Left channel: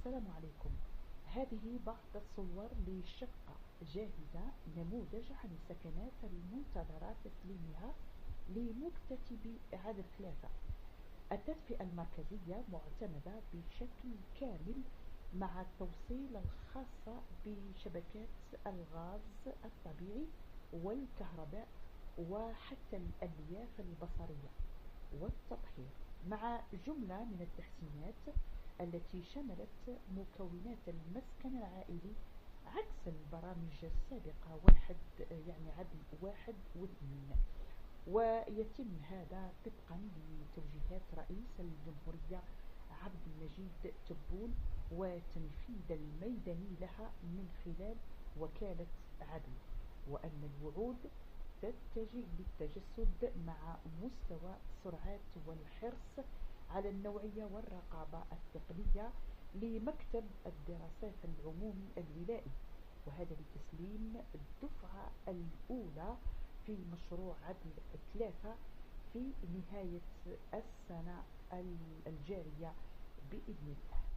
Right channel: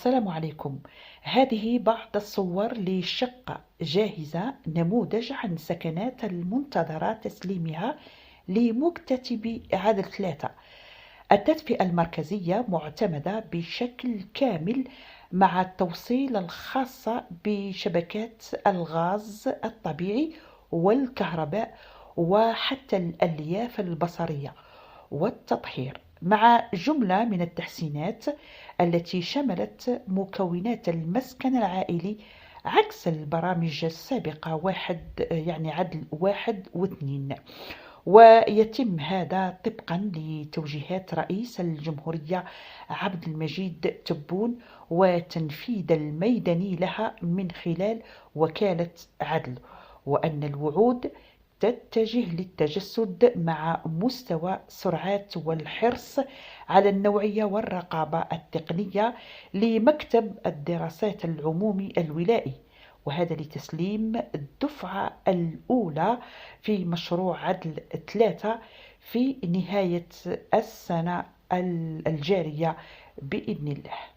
السلام عليكم. هذه بعض الصور لشقة جاهزة، نموذج عن سكنات المنتظرة تسليمها لمكتتب عدد 3. التدفئة المركزية معتمدة بشكل كامل مع التوصيل الخاصة بشبكات الغاز الطبيعي والكهرباء وحتى الألياف البصرية والتطهير، مع جملة من التحسينات التي شملت مكونات المسكن العائلي عكس البرامج السابقة عدل 1 و2. ويتم هذا طبقا لتوجيهات رئيس الجمهورية عبد المجيد تبون وتنفيذ الميداني لها من خلال وكالة عدل، وأن الوعود تتجه للتجسد مع مستوى سرعات والحرص على النوعية والرقابة التقنية لمكتب الدراسات العمومي الولائي، وهذا لتسليم الدفعة الأولى في مشروع عدل 3 في نهاية السنة الجارية بإذن الله.